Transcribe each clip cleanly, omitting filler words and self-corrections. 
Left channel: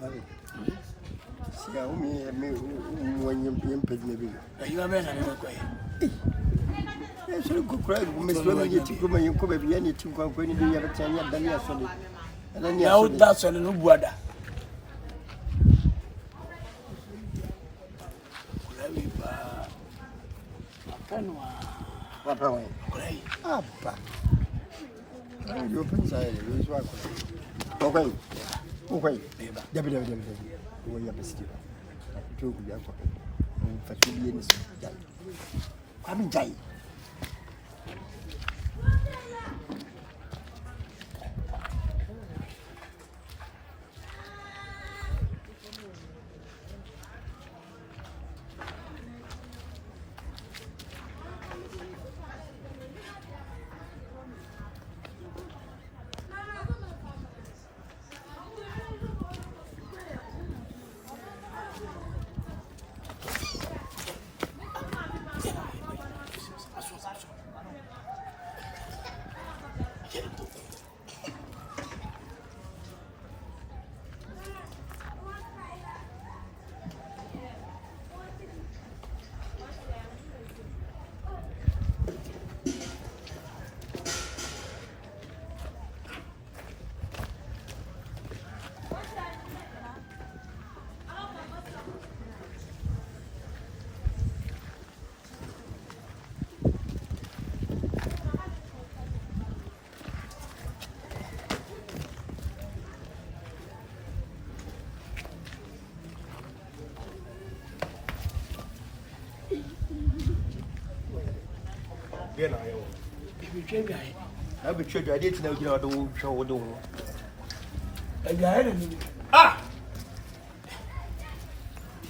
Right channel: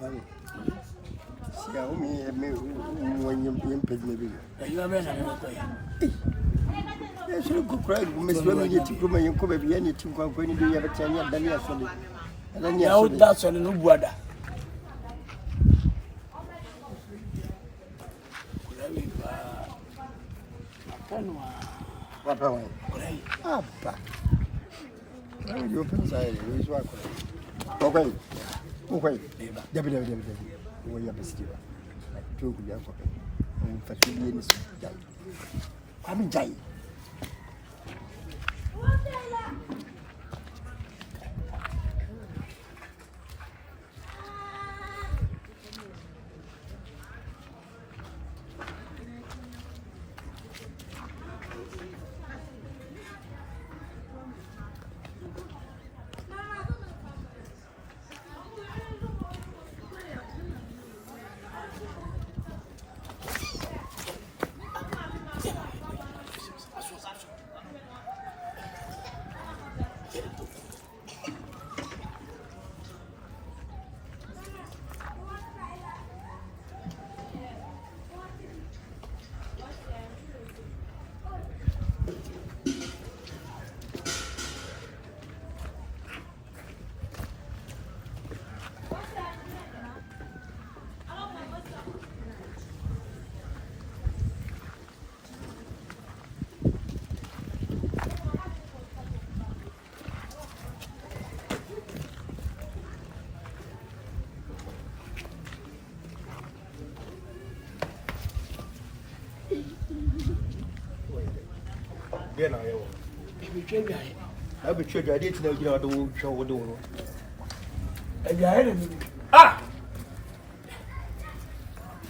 See, I me when you pay me. You are better than me. Yes, you could cry. Miss Women, you took me, you could be any 2 when you do have a 10 year than yesterday. And then you that's a new brother. Papa, Abba. You open side, you is work. Okay, okay, Debbie, where you have a steamer. Two good young couple. For 2 years, I'm in Jay. I be sure I didn't know you are the show. And I had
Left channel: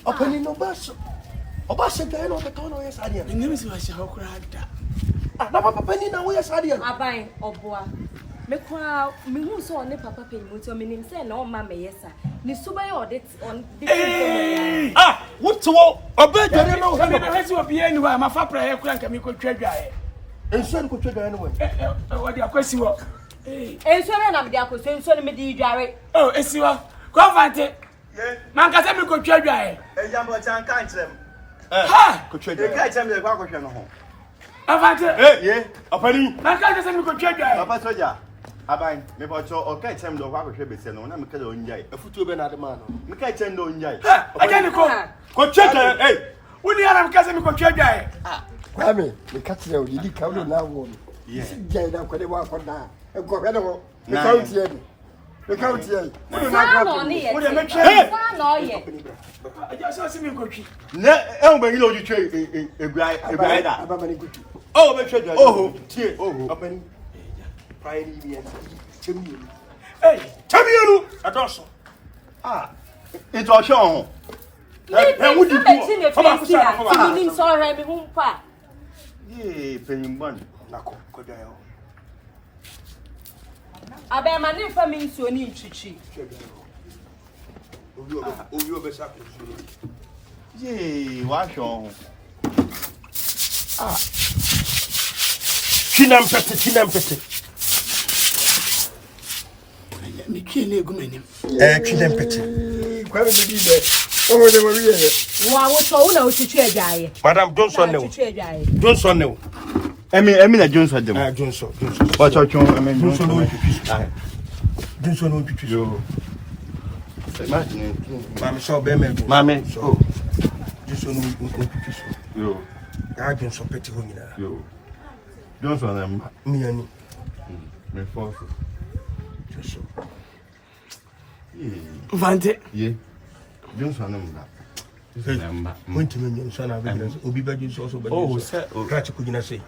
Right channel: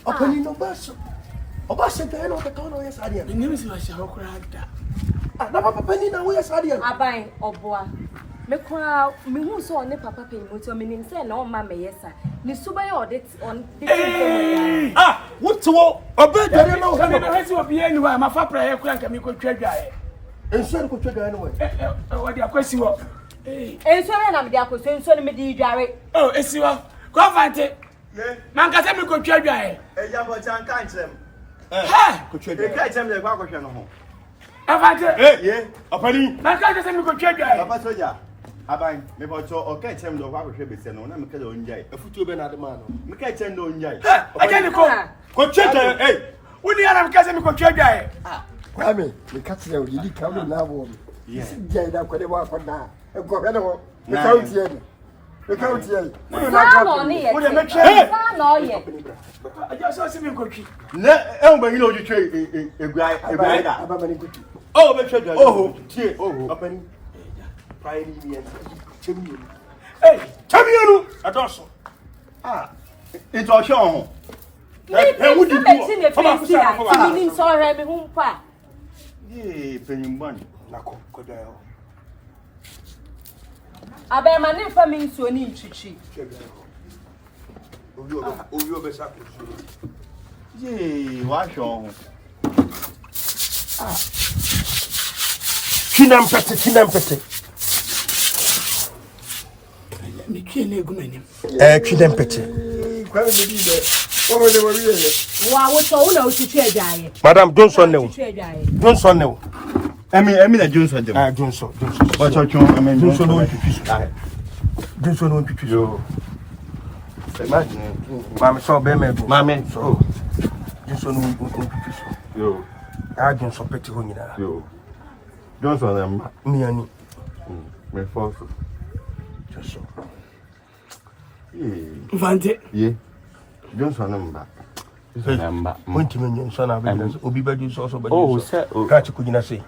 Opening no bus. Obasa, I know the corner, yes, I did. the name is how cried that. Papa Penny, now, yes, I did. I buy or boy. Mekwa me hu so ne papa pe mu to menim say na o ma me yesa ni suba ye audit on what to obedere no he no hesi obi anyway ma fa pra ye kura nka me ko twadwae enso ko twadwae anyway o dia kwasi wo enso me na me dia kwasi enso ne me di dware oh esi wo confante man ka se me ko twadwae Jambo chan kan krem ha ko twadwae ka chem le kwa ko hwe no ho confante ye apani man ka se me ko twadwae papa soja aban me bocho o ka chem do kwa ko hwe bese no na me ka do njai afutu be na de ma no me ka chem do njai ajani ko twadwae woni ara me ka se me ko twadwae kwame me ka tire o yidi ka wo na wo me jai da kwede wa kwada e ko hwe no me ka utie ni me ka utie ni woni na no ni ye woni me twa no ye aja so se me ko twi na e un ba ni lo ju twe egua da aba mani kutu oh me twa oh tie oh apani prayer ni bien chemi chamienu adoso ito o ho wo di ku fa ku sa ni so re me hu pa ye penyimban na ko dai o abe ma ne fa mi nsuo ni ntwitwi obi obe sa ko ye wa hwo ho Chinampete. me twa na egu manim Chinampete. Kwa me di be. O mo ne wo wiye. wa wo to wo na wo twitwi adwaye Madam Johnson ne. twitwi adwaye Johnson ne. emi na Johnson dem Johnson. o cho emi Johnson no Johnson Johnson no twitwi. yo imagine Mama so be me do. mame So Johnson no twitwi. yo Johnson peti ho nyina. yo Johnson dem Ni ani. me force Johnson. confante ye Johnson mba mba Wonti me nso na be obi ba ju so be. oh se Ka chi kunyina sei.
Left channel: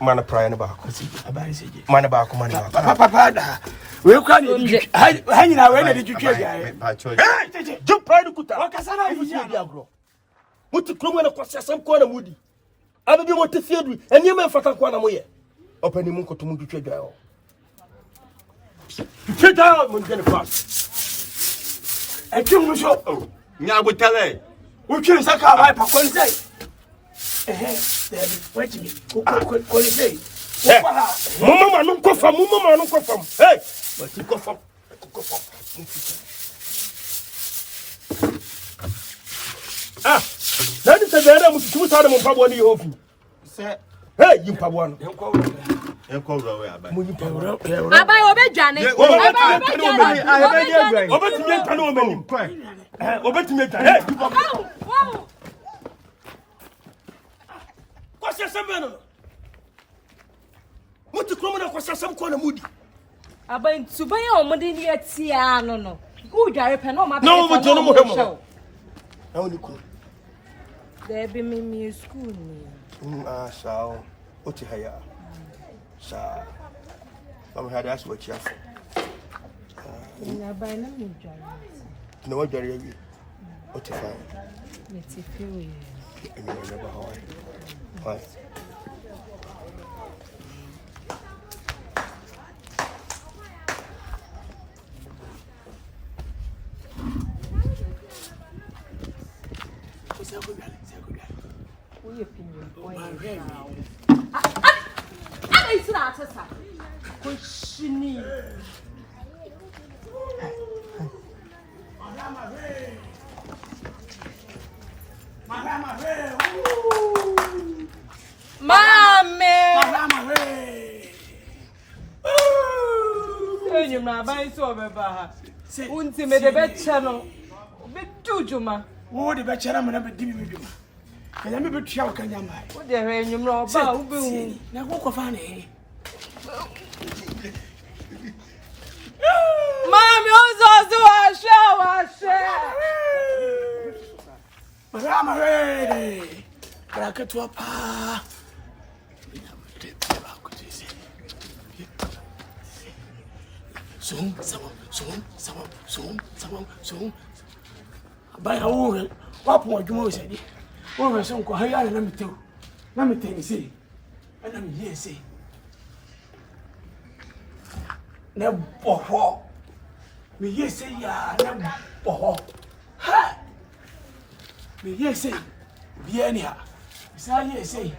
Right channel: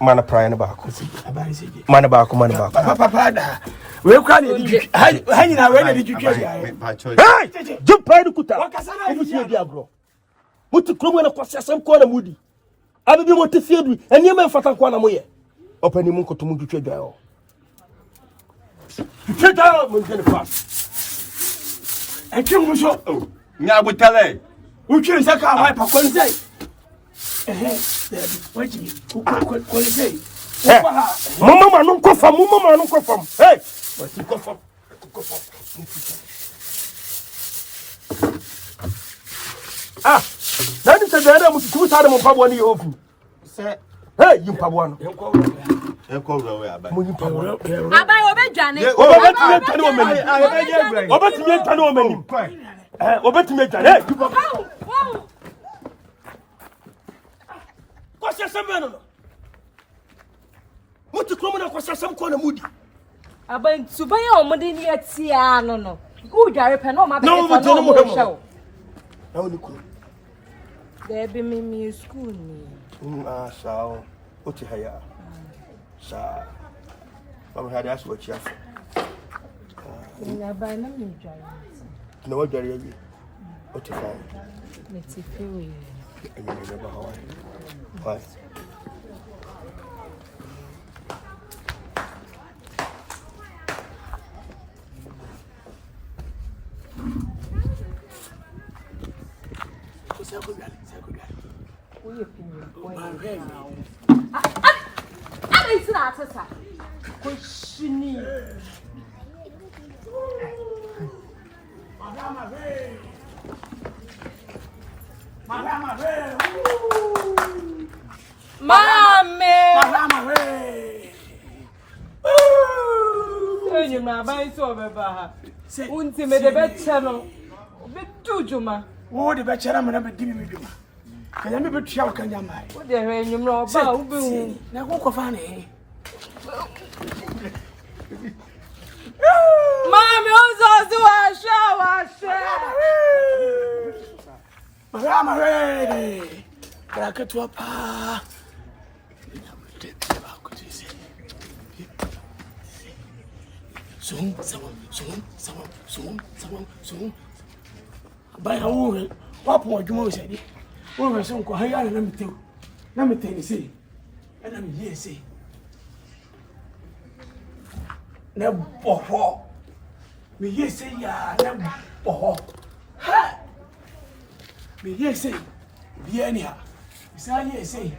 Mana prayer na ba ko. abari seje Mana ba ko mana ba. papa da we kwa ni di ha nyina we na di twitwi adwaye pa cho Hey! Jim prayer kuta. wakasa na di Di agro. Muti kromo na kwase asem ko na mudi. Abi bi mo te fiedu. Eni ma mfata ko na mo ye. Opani mu nkoto mu twitwa dwa yo. Twitwa mo ngene fast. etwe so nya butale utwe saka ha pa konzai wait me ko sei Mama no nkofam. Hey! But nkofam. Ah, na ni se gana mu tu sa mo pabo ni hofu. Se Hey, you pabo no. enko we abai. Mo yin pabo. Abai obedwane. Obetimi ntano o mani. Obetimi ntano. Hey, you pabo. Wow. Kwase sembe no. Muti kromo na kwase sem ko na mudi. Abai subaya omode ni atia no. Ku dware pe no ma be No, fa no mo show. Na oni ko. There be me school ni. Sao. Oti haya. Sa. Mama had asked what you have. Na ba na me dware. No what dare you? Oti fine. Let's feel it. I mean, never how. Why? Oye pinyo. Ana isira atasa. Ko shini. Mame. Enyu na ba iso beba ha. Unti me de beche no. Be jujuma. Wo de be chere me na be di mi dwuma. Kanya me be tua o kanya mai. Wo de hwe enyu na oba wo be hu. Na ko fa na he. Mami ozo washa. Marama ready. Krakatwa pa. Zoom. By a woman, what more you most said? Woman, so go higher than me too. Let me tell you, see. And I'm here, see. Never before. Me, yes, say, ya, never before. Ha! Me, yes, say, be anyhow. Say, yes, say.